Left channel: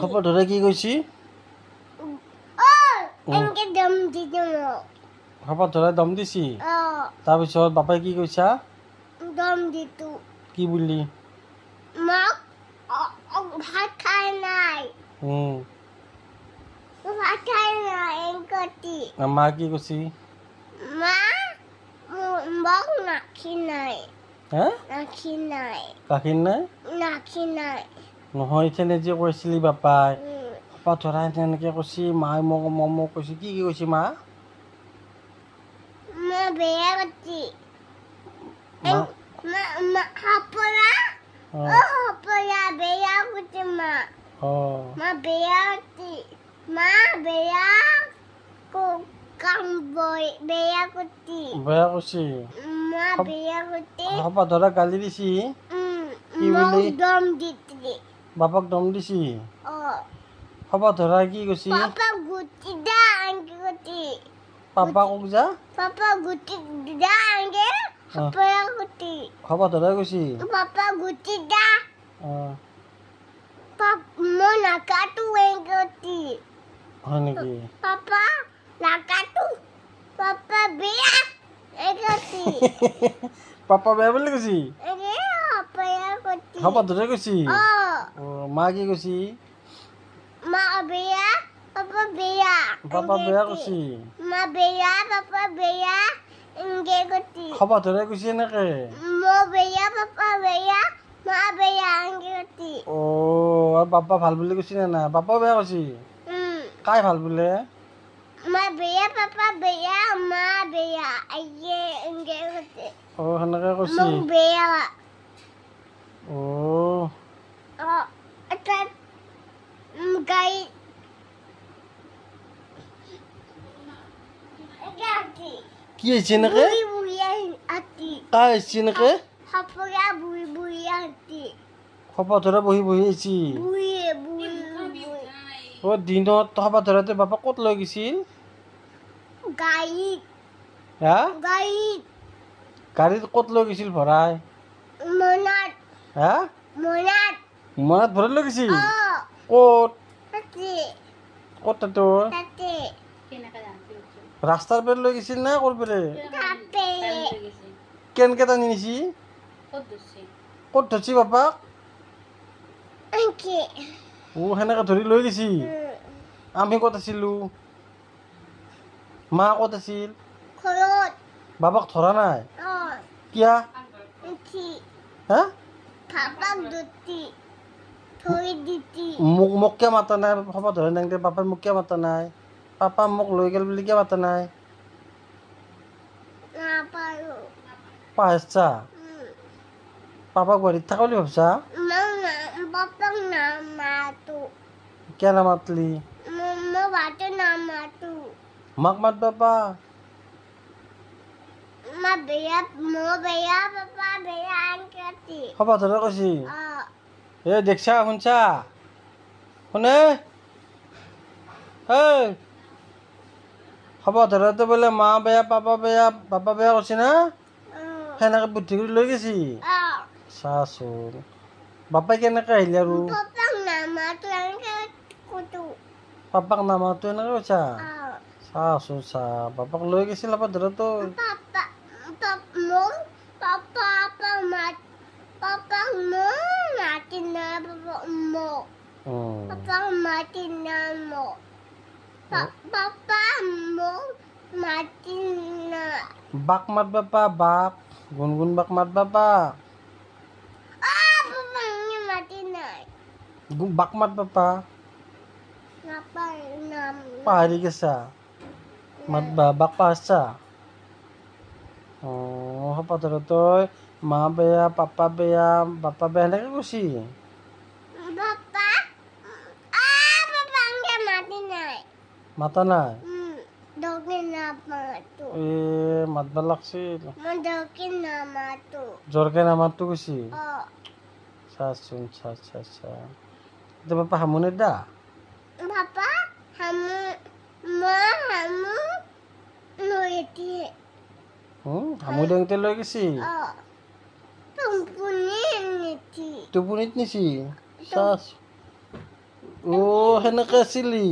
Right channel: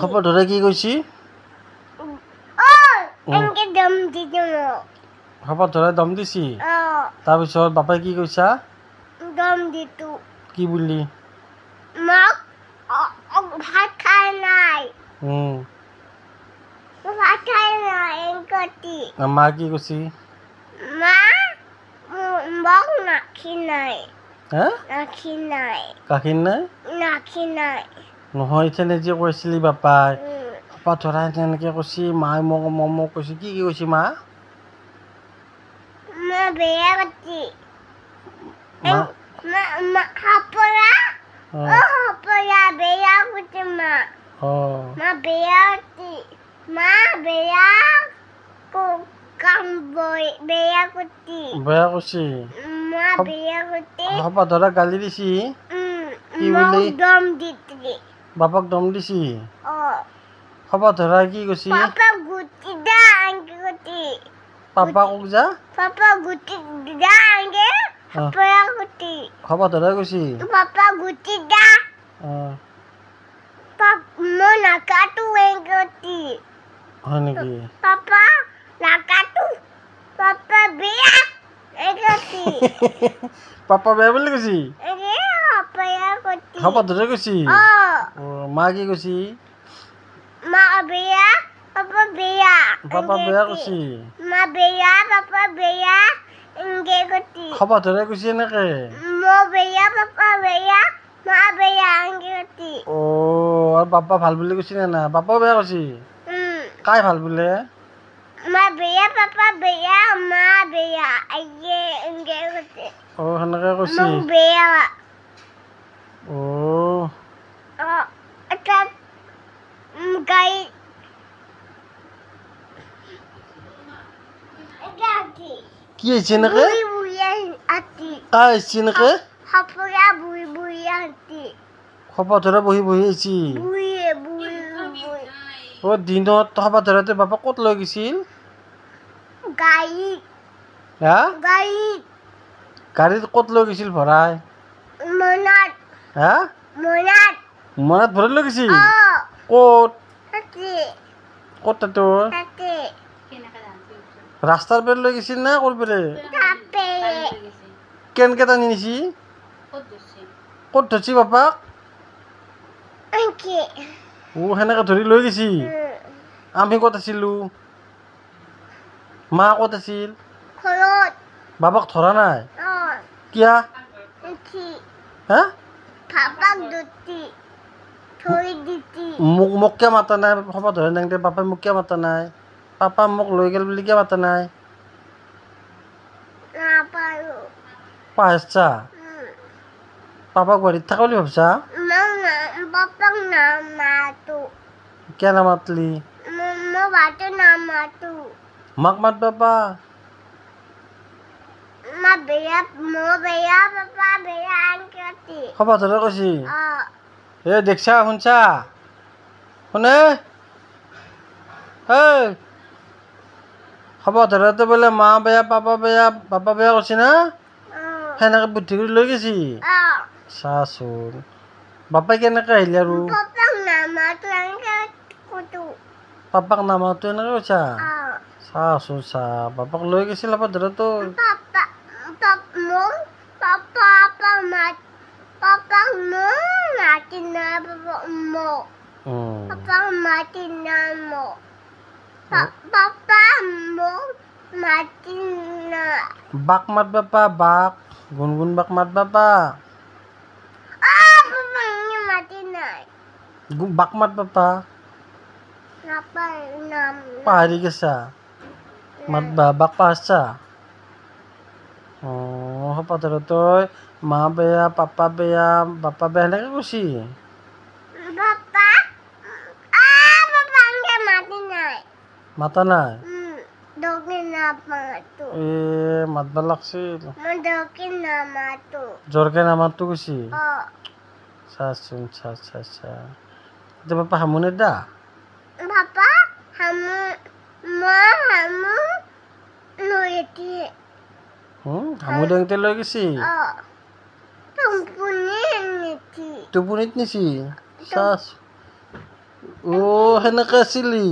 খবৰ ধৰে কি কৈছি খবৰ ধৰে দম দিছি তাৰপিছত বাপাই কি কৈছা কি বুলি ভাত খাই নাই মা কি কৈছি মোক নাখি নাই গাখীৰ নাই নহয় এতিয়া নিজে কৈছিলি বাপাই খবৰ ধৰাই তেনেকে কৈছি মায়ে মোক কৈছি কি কৈছি মা বেয়া কতি বেয়া কতি মা বেয়া কতি মা বেয়া কাম বেয়া কতি বেয়া কৈছি মা বেয়া কতি খবৰ ধৰা গালি দিছি কি বুলি দম দিতি বাপাক দম দিছি খবৰ ধৰা কি কৈছি পাপা গুটি দা আংকে কতি পাপা কক যা পাপা গুটি দা আংকে পাপা গুটি খবৰ ধৰা কৈছি পাপা গুটি দা mo nakatu engoti হয় নেকি papa nakatu papa bea engoti papa বেয়া বুলি কৈছি apa ya koti খবৰ ধৰা কৈছি মা কি কৈছি ma bea papa bea কৈছি ma bea papa bea engge koti খবৰ ধৰা কৈছি এনেকে mo bea papa bea ma bea engge koti আৰু বাপা ভাল বুলি কৈছি নে না বাপাও বেয়া কৈছি কাই ভাল বোলে ma bea papa bea ma bea aye engge koti সেনেকে কৈছি mo bea এটা গাই কি হৈছে এনেকে কাই আহিছি এনেকে খবৰ ধৰা বহি আহিছি দিনত খবৰ ধৰাতে বাপা ক'ত লৈ গৈছিল গাড়ীত ক'ত লৈ গৈছিল ভৰাই মনাত ভৰাই লৈ গৈছিল ক'ত তাতো ৰাস্তাৰ পেৰে লৈ গৈছিল না ক'ৰ পেৰে কেনেকে টানি নিছি ক'ত ধৰছি বাপাক সেনেকে ধৰি লৈ গৈছি আমি ক'ত আছিলো মা ক'ত আছিল বাবাক ধৰা নাই কিয়া মোক কিয় মাতা নাই খবৰ ধৰা নাই পাপাই মোক কিয় মাতা নাই পাপা মোক লৈ গেল বুলি কিয় মাতা নাই পাহৰিছা পাপাক গুৱাহাটীত থাকা বুলি ভাবছা কিয় নামাতলি মাক মাত বাপা খবৰ ধৰা কৈছি দেখছা শুনছা শুনে খবৰ ধৰাতে বোলে মা বেয়া পাপা বেয়া কৈছি না সেনেকে বুদ্ধি কৰি লৈ গৈছি চাচোন বাপাই কেনেকে আহিলে আৰু পাপাক নামাতো এনেকে কৈছা চাচোন বাপাক লৈ গৈছিল খবৰ ধৰাতো বাক মাত বাপা বাক গুণগুণ বাক মাত বাপা বাক মাত বাপা পাহৰি গেছা মাত বাক পাহৰছা খবৰ ধৰা তই মা বেয়া পাপা বেয়া বাপা বেয়া সেনেকে কৈছি মাতা নাই মাতবা লাগছিল জোৰকে নামাতো কৈছি চাচোন এতিয়া বাপা হামুনে দা হামু দেংতে লৈ গৈছি টোপনিত নিছি সেনেকে আছিলি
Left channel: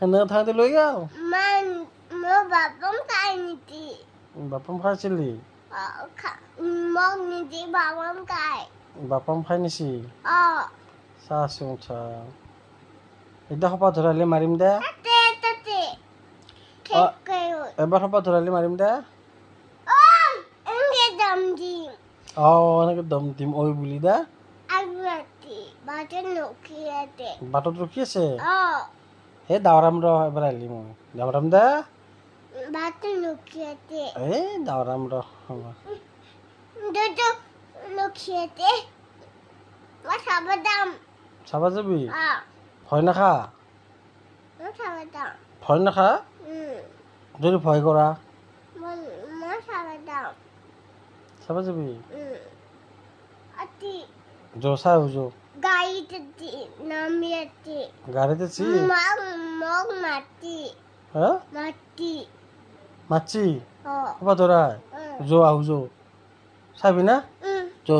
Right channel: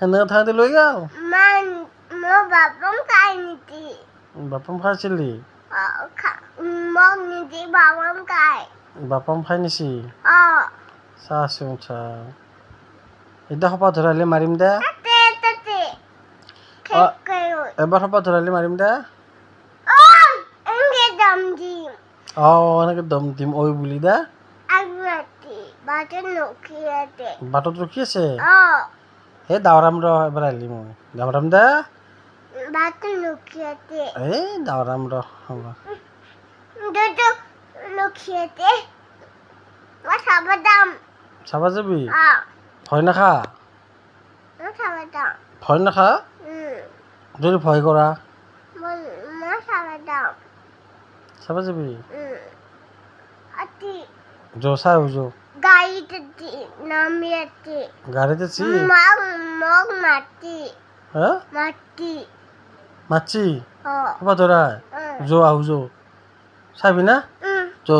সেনেকে থাকোঁতে লৈ গ'ল মোৰ বাপম খাই নিদি বাপম খাইছিলি মোক নিদি বাপম খাই বাপম খাই নিছি চাচোন চা এতিয়া সপা ধৰালি মাৰিম দে এবাৰ সপা ধৰালি মাৰিম দে এনেকে দম দিম ঐ বুলি দে বাটত ৰখি আছে এই দাৱৰাম ৰ এবাৰ আহিলি মই দাৱৰাম দে এই দাৱৰাম ৰ চাবা যাবি ভয় নাখা ভয় নাখা যদি ভয় কৰা চাবা যাবি চাই যো গাড়ীত আছি মাতছি হ'ব ধৰা যো আহো যো চাবি না যো